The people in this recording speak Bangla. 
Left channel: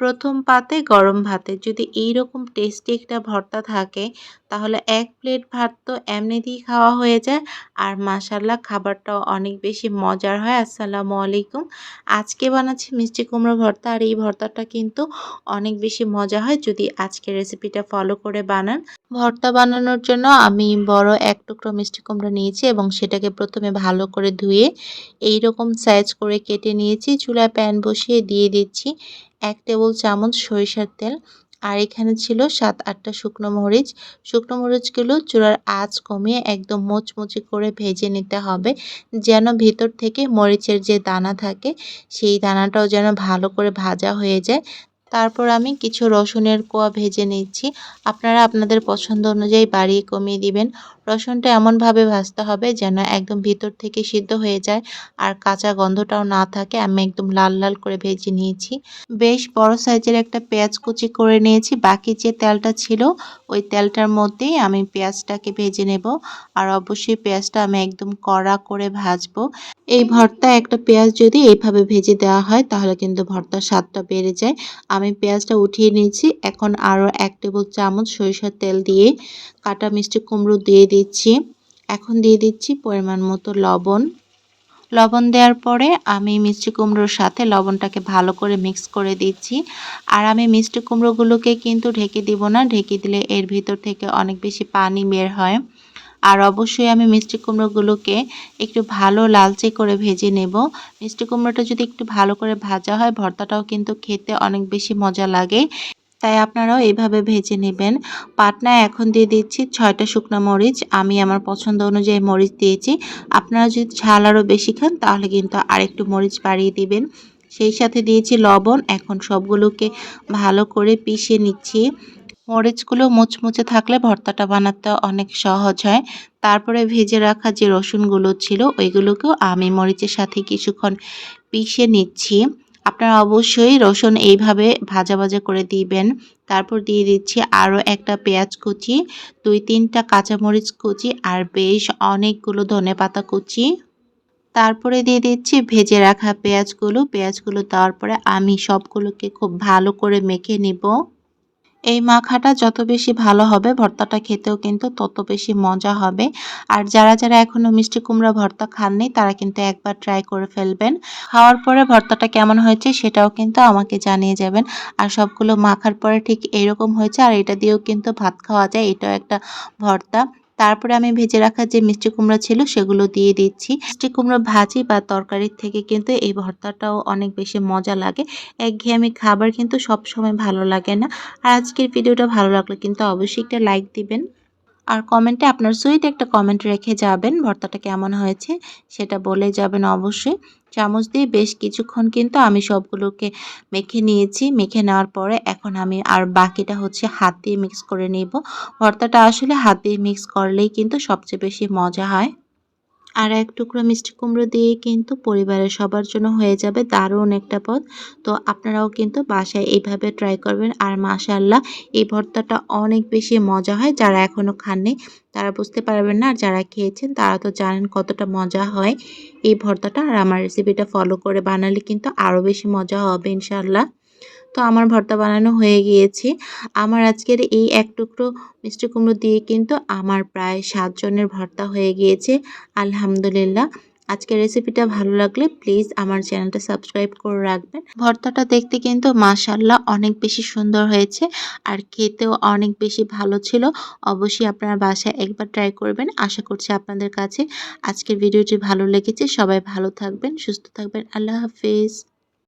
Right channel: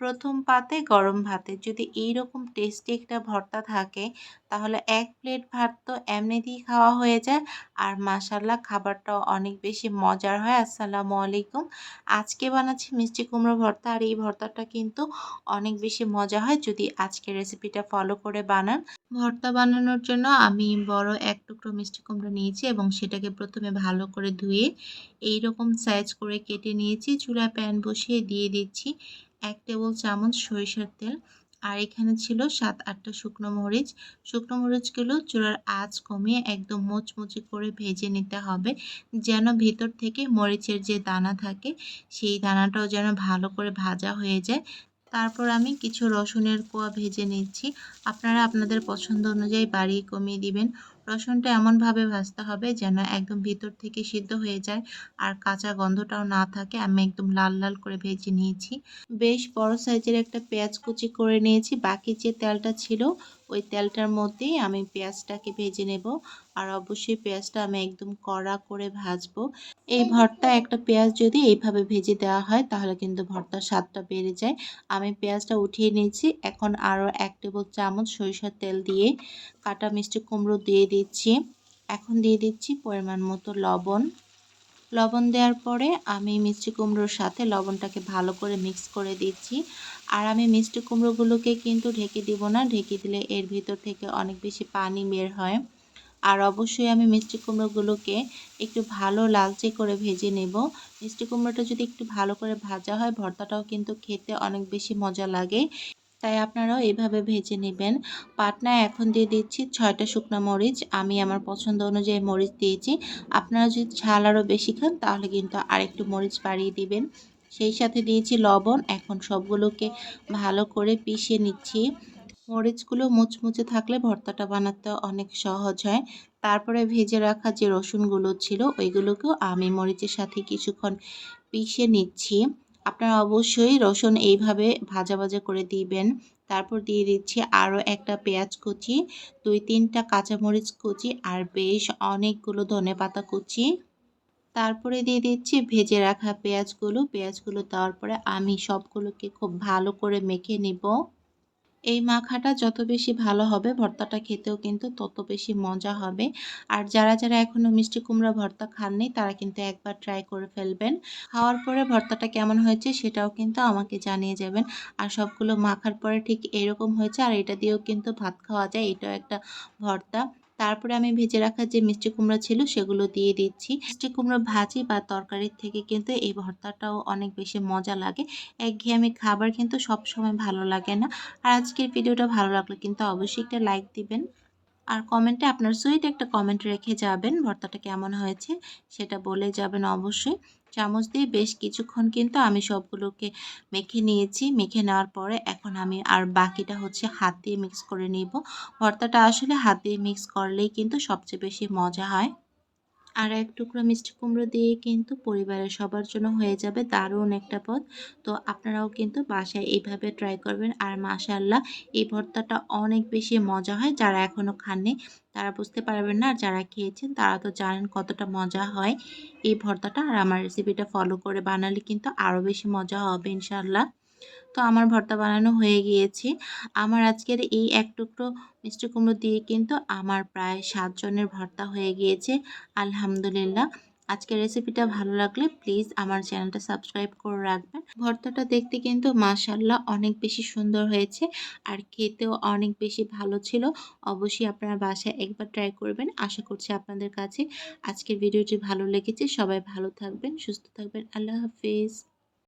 প্রথম পাতে গরম ভাতে। যদি এই রকম টেস্টি একটা ভর্তা থাকে, তাহলে এক প্লেট ভাত তো এমনিতেই খাওয়া হয়ে যায়। আর মাসাল্লাহ খাবারটাও অনেক বেশি মজার হয়। আসসালামু আলাইকুম। আজকে বানাচ্ছি মিষ্টি কুমড়ো ভর্তা। আর এই ভর্তাটা কিন্তু অনেক বেশি মজা হয় যদি আজকে রেসিপিটা ফলো করে বানান। ভর্তা বানানোর জন্য আমি বড় এক টুকরো মিষ্টি কুমড়ো নিয়েছি এবং সেটাকে প্রথমে ভালো করে ধুয়ে এই রকম সাইজ করে কেটে নিয়েছি। চুলায় প্যান বসিয়ে দিয়ে দিচ্ছি। এক টেবিল চামচ সরিষার তেল আর এখানে ছিল সাত আটটা শুকনো মরিচ। শুকনো মরিচগুলো চূড়ার আঁচ কমিয়ে একদম মোচমুচি করে ভেজে নিতে হবে, যেন ভিতর থেকে মরিচের যে দানা থাকে সেই দানাটাও যেন ভালো করে ভাজা হয়ে যায়। তারপর আমি কিছু রসুনের কোয়া ভেজে নিচ্ছি। আপনারা আপনাদের পছন্দ অনুযায়ী বাড়িয়ে কমিয়ে দিবেন। রসুনটা এমনভাবে ভাজতে হবে যেন একদম ভিতর থেকে সিদ্ধ হয়ে যায় আর কাঁচা গন্ধটাও না থাকে। আমি একদম লাল লাল করে ভেজে নিয়েছি। বেশ বড় সাইজের একটা পেঁয়াজ কুচি করে নিয়েছি। বাকি যে তেলটা ছিল, ওই তেলটার মধ্যেই আমি পেঁয়াজটাকে ভেজে নেব। আর অবশ্যই পেঁয়াজটা আমি একদম কড়া করে ভাজবো। এই ভর্তা একটা পেঁয়াজ যদি এইভাবে ভেজে দেওয়া হয়, তাহলে কিন্তু ভর্তার স্বাদটা বেড়ে যায়। আমি পেঁয়াজটা উঠিয়ে নিয়েছি। এখন আরও এক টেবিল চামচ সরিষার তেল দিয়ে কাটা মিষ্টি কুমড়ো দিয়ে দিচ্ছি। এখন দিয়ে দিচ্ছি পরিমাণ মতো লবণ। লবণ দেওয়ার পরে আমি মিষ্টি কুমড়োর সাথে লবণটাকে ভালো করে মিক্স করে দিচ্ছি। আর আমি মিষ্টি কুমড়োগুলোকে কিন্তু ঢেকে দিব না, ঢেকে দিলে এর ভিতর থেকে অনেক বেশি পানি বের হয়। আর অবশ্যই আমি মিষ্টি কুমড়োগুলোকে একটু ভালো লালচে করে ভেজে নেব। মিষ্টি কুমড়োটা যদি একটু ভালো করে ভাজা হয়, ভর্তাটাও কিন্তু খেতে অনেক বেশি মজা লাগে। তাই আপনারাও এইভাবে ভেজে নেবেন। পাটনায় এখন দিয়ে দিচ্ছি ছয়টা শুকনো মরিচ। আমি আমার পছন্দ অনুযায়ী মরিচ দিয়েছি। আপনারা যদি ঝাল আরও বেশি খান, তাহলে কিন্তু আরেকটু মরিচ বাড়িয়ে দিবেন। সেই সাথে দিয়েছি লবণ। এখন সবগুলোকে ভালো করে পিষে নিচ্ছি। মরিচগুলো মুচমুচে থাকলে ভর্তাটা বানাতে অনেক সহজ হয়। তারপরে ভেজে রাখা যে রসুনগুলো ছিল, ওইগুলোকেও আমি মরিচের সাথে কিছুক্ষণ পিষে নিচ্ছি। আপনারা অবশ্যই রসুন এইভাবে ভাজা ভাজা করে দিবেন। তারপর দিয়ে দিচ্ছি আরও একটা পেঁয়াজ কুচি, দুই তিনটা কাঁচামরিচ কুচি আর বেশ অনেকগুলো ধনে পাতা কুচি। তারপরে দিয়ে দিচ্ছি ভেজে রাখা পেঁয়াজগুলো। পেঁয়াজগুলো দেওয়ার পরে আমি সবগুলোকে খুব ভালো করে মেখে নিব। এই মাখাটা যত বেশি ভালো হবে, ভর্তাটা খেতেও কিন্তু তত বেশি মজা হবে। আর যারা যারা এখনও মিষ্টি কুমড়া ভর্তা খাননি, তারা কিন্তু একবার ট্রাই করে ফেলবেন। খাওয়ার পরে ভর্তাটা কেমন হয়েছে সেটাও কিন্তু আমাকে জানিয়ে যাবেন। আর সবগুলো মাখার পরে ঠিক এরকম হয়েছে, আর এটা দিয়েও কিন্তু ভাত খাওয়া যায়, এটাও একটা ভর্তা। তারপরে আমি ভেজে রাখা যে মিষ্টি কুমড়া ছিল সেগুলো দিয়ে দিচ্ছি। মিষ্টি কুমড়ো ভাজি বা তরকারির থেকে কিন্তু এই ভর্তাটাও অনেক বেশি মজা লাগে। একঘেয়েমি খাবার কিন্তু সব সময় ভালো লাগে না। আর আজকের ভিডিওটা ভালো লাগলে কিন্তু অবশ্যই একটা লাইক দিবেন। আর কমেন্টে আপনার সুইট একটা কমেন্ট রেখে যাবেন ভর্তাটা কেমন হয়েছে, সেটা বলে যাবেন অবশ্যই। চামচ দিয়ে বেশ কিছুক্ষণ কিন্তু আমি সবগুলোকে মেখে নিয়েছি। মেখে নেওয়ার পরে এখন আমি আর বাকিটা হচ্ছে হাত দিয়ে মিক্স করে নেব। ভর্তাটা আসলে হাত দিয়ে মিক্স করলেই কিন্তু সবচেয়ে বেশি মজা হয়। আর এক টুকরো মিষ্টি কুমড়ো দিয়ে কিন্তু পরিবারের সবার জন্য হয়ে যাবে দারুণ একটা পদ। তো আপনারাও কিন্তু বাসায় এইভাবে ট্রাই করবেন। আর মাশাল্লাহ এই ভর্তাটা অনেক বেশি মজা হয় যারা এখনও খাননি। তারা বুঝতে পারবেন না, আর যারা খেয়েছেন তারা তো জানেন কতটা মজা হয় এই ভর্তাটা। আর আমার রেসিপিটা ফলো করে বানালে কিন্তু আরও বেশি মজা হবে ইনশাল্লাহ তো আমার ভর্তা বানানো হয়ে গিয়েছে। আমার আজকের এই এক টুকরো মিষ্টি কুমড়ো দিয়ে কিন্তু আমার প্রায় সাতজনের ভর্তা হয়ে গিয়েছে। আলহামদুলিল্লাহ। আজকের রেসিপিটা ভালো লাগলে প্লিজ আমার চ্যানেলটা সাবস্ক্রাইব করে রাখবেন। ভর্তাটা দেখতে কিন্তু মাশাল্লাহ অনেক বেশি সুন্দর হয়েছে আর খেতেও অনেক বেশি ভালো ছিল। অবশ্যই আপনারা বাসায় একবার ট্রাই করবেন। আশা করছি আপনাদের কাছে আজকের ভিডিওটি ভালো লেগেছে। সবাই ভালো থাকবেন, সুস্থ থাকবেন। আল্লাহ হাফিজ।